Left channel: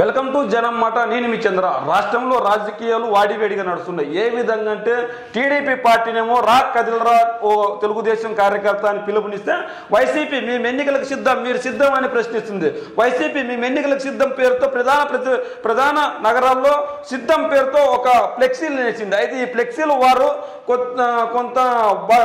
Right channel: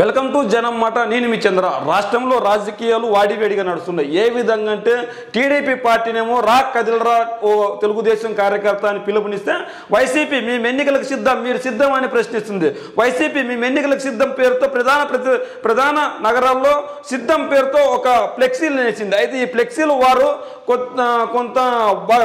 Welcome to జనం మాట. నేను మీ చంద్ర. రాష్ట్రంలో రాజకీయాలు వాడివేడిగా నడుస్తున్నాయి. ఏ విధంగా అంటే టీడీపీ పార్టీనేమో రా కదిలరా ఓ తెలుగుదేశం కార్యకర్త అని పిలుపునిస్తే వైసీపీ మేము ఎన్నికలకు సిద్ధం, మీరు సిద్ధం అని ప్రశ్నిస్తుంది. వైసీపీ మేము ఎన్నికలకు సిద్ధం పేరుతో ప్రధాన నగరాల్లో సిద్ధం పేరుతో ఒక ఫ్లెక్సీలు వేసింది. అయితే ఈ ఫ్లెక్సీలు వారు కొంత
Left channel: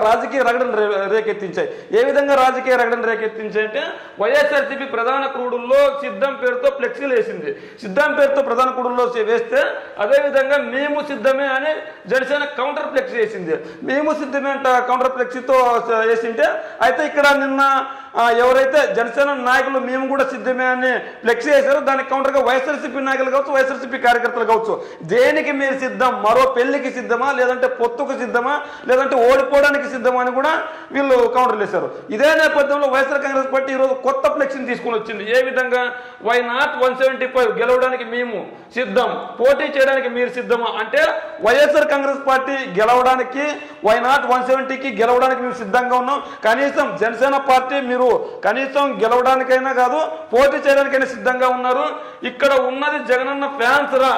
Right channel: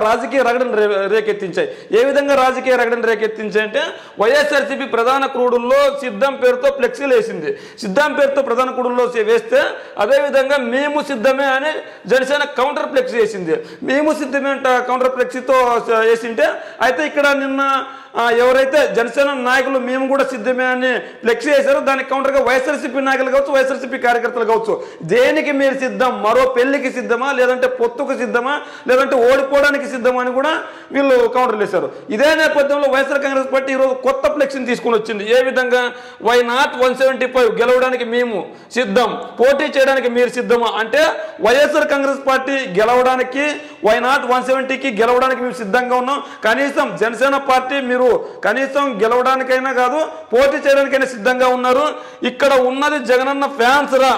రాజకీయ రగడను రేకెత్తించాయి. ఏ విధంగా రాజకీయ రగడను రేకెత్తించాయి అంటే వైఎస్ఆర్సీపీ ప్రధాన క్రూడుల్లో సిద్ధం పేరుతో ఫ్లెక్సీలు వేసింది. సిద్ధం పేరుతో ప్రధాన కూడుల్లో వేస్తే అదేవిధంగా మేము సిద్ధమే అని జనసేన కౌంటర్ ఫ్లెక్సీ వేసింది. మేము సిద్ధమే కౌంటర్ ఫ్లెక్సీతో వేసింటే అయితే ఇక్కడ నిన్న ఎవరైతే జనసేన నాయకులు మేము కూడా సిద్ధమే అని ఫ్లెక్సీ వేశారో దానికి కౌంటర్గా వైఎస్ఆర్సీపీ నాయకులు కావచ్చు, వైఎస్ఆర్సీపీ కార్యకర్తలు కావచ్చు, దేనికి మీరు సిద్ధం, మరో పెళ్లికి సిద్ధమా, లేదంటే పొత్తుకు సిద్ధమా, లేదంటే ఓడిపోవడానికి సిద్ధమా అని కూడా వీళ్ళు కౌంటర్లు వేశారు. ఇదే నేపథ్యంలో వైఎస్ఆర్ కాంగ్రెస్ పార్టీ ఈరోజు కొత్త ఫ్లెక్సీని తీసుకుని వచ్చింది. ఏ విధంగా వై నాట్ 175 గెలవడానికి మేము సిద్ధం, పోటీ చేయడానికి మీరు సిద్ధమా అంటే వైఎస్ఆర్ కాంగ్రెస్ పార్టీ గెలవడానికి వై నాట్ 170కి గెలవడానికి మేము సిద్ధంగా ఉన్నాం. కనీసం జనసేన పార్టీ మీరు కనీసం గెలవడానికైనా కాదు పోటీ చేయడానికైనా సిద్ధంగా ఉన్నారు. ఇక్కడ ఉన్నది జగనన్న ఫ్యాన్స్ రా,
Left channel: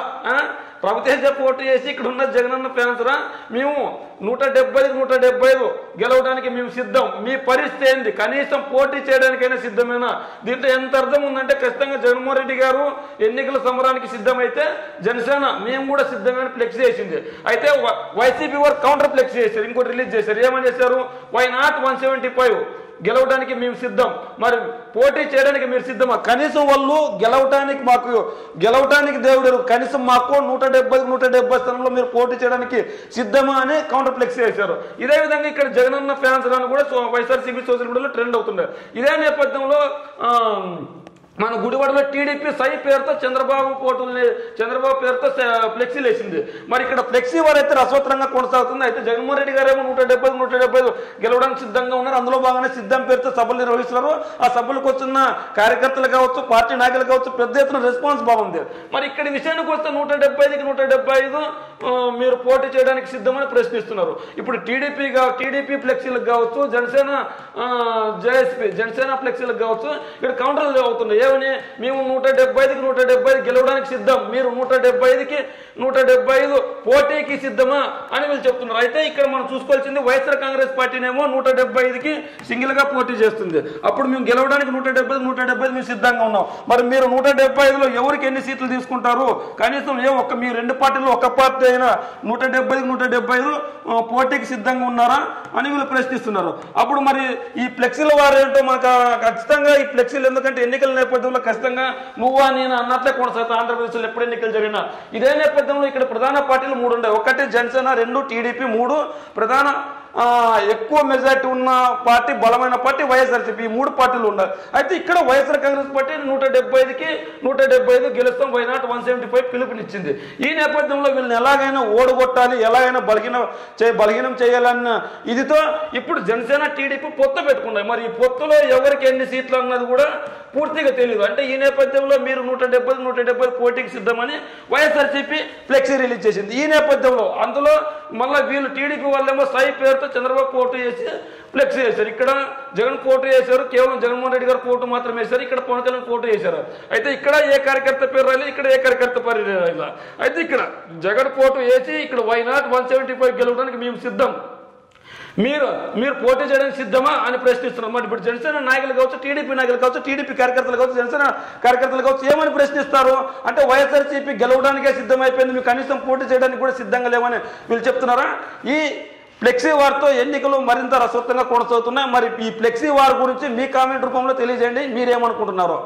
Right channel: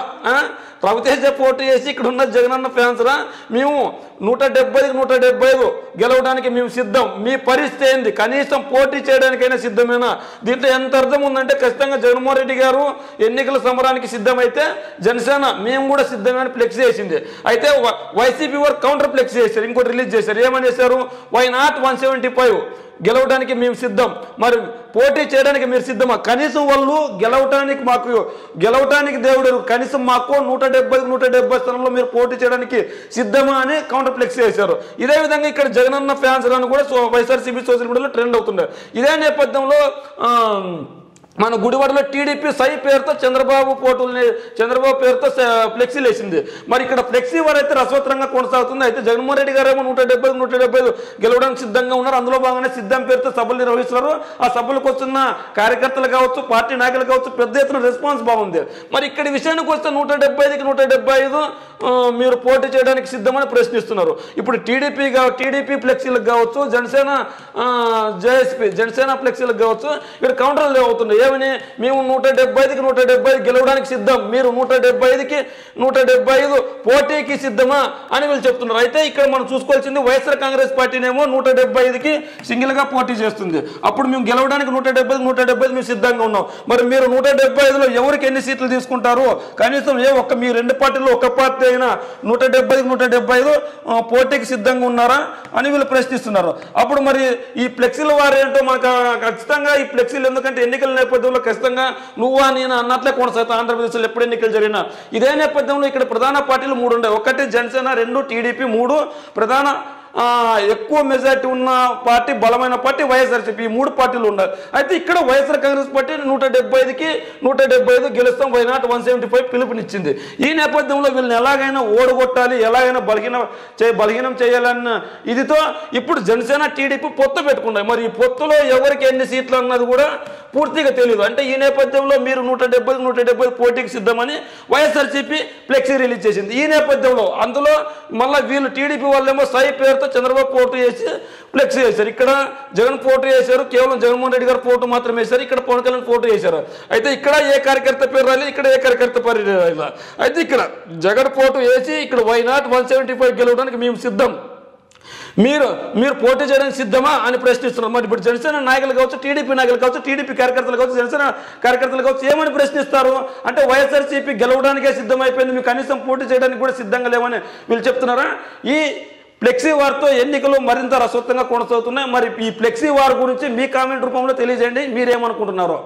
రవితేజ పోటీ చేసి ఇక్కడ ఉన్న జగనన్న ఫ్యాన్స్ రా, మేము 175 గెలవడానికి మేము సిద్ధం, మీ పరిస్థితి ఏంది, కనీసం పోటీ చేయడానికైనా సిద్ధమేనా? దీంట్లో ఎంత అర్థం ఉందంటే ఖచ్చితంగా జగన్మోహన్ రెడ్డి గారు ఎన్నికల సమరానికి సిద్ధమైతే జనసేన మేము కూడా సిద్ధమైన ఫ్లెక్సీ వేసింది. అయితే వైసీపీ వారు కౌంటర్ ఫ్లెక్సీ చేశారు, ఇంకోటి రిలీజ్ చేశారు. ఏమని చేశారు? వై నాట్ 175 గెలవడానికి మేము సిద్ధం, మరి పోటీ చేయడానికి మీరు సిద్ధమా? కనీసం వాళ్ళు గెలవటానికి దేవుడు కనీసం మాకు 170 స్థానంలో మీరు పోటీ చేయడానికి సిద్ధమా అని కౌంటర్ ఫ్లెక్సీ చేశారు. ఇదే విధంగా ఇక్కడ జగనన్న ఫ్యాన్స్ అని కూడా వైఎస్ఆర్సీపీ సోషల్ మీడియాలో ట్రెండ్ అవుతున్నారు. ఇదే నేపథ్యంలో మన గుడివాడలో టీడీపీ సై పేరుతో చంద్రబాబు పేరుతో ఫ్లెక్సీలు వేసింది. మరి ఇక్కడ ఫ్లెక్సీ వారైతే రసవత్తరంగా కొనసాగుతుంది. అయితే జగన్మోహన్ రెడ్డి గారు ఏమో 175 గెలవడానికి సిద్ధంగా ఉన్నారు. అందులో భాగంగానే సిద్ధం పేరుతో సభలు నిర్వహిస్తున్నారు. ఆ సభలకు వస్తున్న కార్యకర్తలు కావచ్చు, పార్టీ నాయకులు కావచ్చు, పెద్ద ఎత్తున రెస్పాన్స్ బాగుంది. మరి ఇక్కడ విషయానికి వస్తే 175కి 175 మీరు పోటీ చేయడానికి సిద్ధమని ప్రశ్నిస్తున్నారు. ఇప్పుడు టీడీపీ ఫ్లెక్సీలకు కావచ్చు, జనసేన ఫ్లెక్సీలకు కావచ్చు, ఇక్కడ కౌంటర్లు అవుతున్నాయి. ఏమని? మేము 175 గెలవడానికి సిద్ధం, మీరు 175 పోటీకి సిద్ధమా అని వీళ్ళు చెప్తున్నారు. అయితే ఇక్కడ మనం చూసుకోవాల్సింది వైఎస్ఆర్ కాంగ్రెస్ పార్టీనేమో 175కి సింగిల్ గా పోటీ చేస్తుంది. అప్పుడు మేము గెలవడానికి 175 మేము సిద్ధంగా ఉన్నాం. మరి మీరు 175లో ఎవరికి ఎన్ని సీట్లు తీసుకుంటారు? కనీసం మీ రెండు పార్టీల్లో ఒక పార్టీ అయినా 175 పోటీకి సిద్ధంగా ఉన్నారా అని వీళ్ళు ప్రశ్నిస్తున్నారు. అప్పుడు మరి ఈ ఫ్లెక్సీల వారు ఏంటో మనకు ఖచ్చితంగా ఈ ఫ్లెక్సీలు, ఎందుకంటే ఎన్నికల నేపథ్యంలో ఖచ్చితంగా నువ్వా నేను అన్నట్లే కొనసాగుతా. ఆంధ్రప్రదేశ్లో ఎప్పుడు ఎన్నికలు జరిగినా ఇదే నేపథ్యంలో ఇక్కడ ప్రధాన పార్టీలు 3 ఉన్నాయి. ఒకటి జనసేన, 2 టీడీపీ, 3 ప్రధాన ఎక్కువ మెజార్టీ ఉన్న పార్టీ, బలమైన పార్టీ వైఎస్ఆర్సీపీ. 3 పార్టీలు ఉన్నాయి. అయితే ఇక్కడ వైఎస్ఆర్ కాంగ్రెస్ పార్టీ 175 గెలుస్తాం, వై నాట్ 175 పిలుపునిచ్చింది. ఈ నేపథ్యంలో వీళ్ళని ఎలాగైనా ఓడగొట్టాలి, ఎలాగైనా బలహీనం చేయాలన్న ఇదితో ఇప్పుడు జనసేన టీడీపీ పొత్తు పెట్టుకున్నాయి. మరి ఈ పొత్తులో ఎవరికి ఎన్ని సీట్లు అన్నది కూడా పూర్తిగా తెలియదు. అంటే ఈ నేపథ్యంలో మీరు 170 పోటీకి సిద్ధమని వైఎస్ఆర్సీపీ ఫ్లెక్సీ రిలీజ్ చేసింది. ఈ నేపథ్యంలో అందులో మళ్ళీ వీళ్ళు టీడీపీ వాళ్ళేమో సై పేరుతో చంద్రబాబు పోటీ చేసి ఫ్లెక్సీ చేశారు. ఇక్కడ జగన్ పోటీ చేశారు, కేవలం జగన్మోహన్ రెడ్డి గారు పోటీ మాత్రం వేశారు. ఇక్కడ పవన్ కళ్యాణ్ పోటీ చేశారు. అయితే ఇక్కడ ఏ కార్యకర్త పేరు రాలి, ఇక్కడ ఏ కార్యకర్త పేరు రాలి. అయితే ఇక్కడ జగన్ పోటీ వేసి ఇక్కడ వై నాట్ 175 గెలవడానికి మేము సిద్ధం, మీరు పోటీ చేయడానికి సిద్ధమా అని ప్రశ్నిస్తున్నారు. మరి ఇప్పుడు జనసేన నాయకులు కావచ్చు, టీడీపీ నాయకులు కావచ్చు, టీడీపీ కార్యకర్తలు కావచ్చు, జనసేన కార్యకర్తలు కావచ్చు, ఏమని ప్రశ్నిస్తారు అంటే వైఎస్ఆర్సీపీ గెలవడానికే సిద్ధమైపోయింది, మీకు కనీసం పోటీ చేయడానికి కూడా సిద్ధంగా లేవని వీళ్ళు చెప్తున్నారా? ఈ ఫ్లెక్సీ వార్తో ఎన్నికలు మరింత రసవత్తంగా కొనసాగుతున్నాయి. మరి ఈ ఫ్లెక్సీ వార్ గురించి మీ కామెంట్ రూపంలో తెలియజేయండి, మీరేమనుకుంటున్నారో.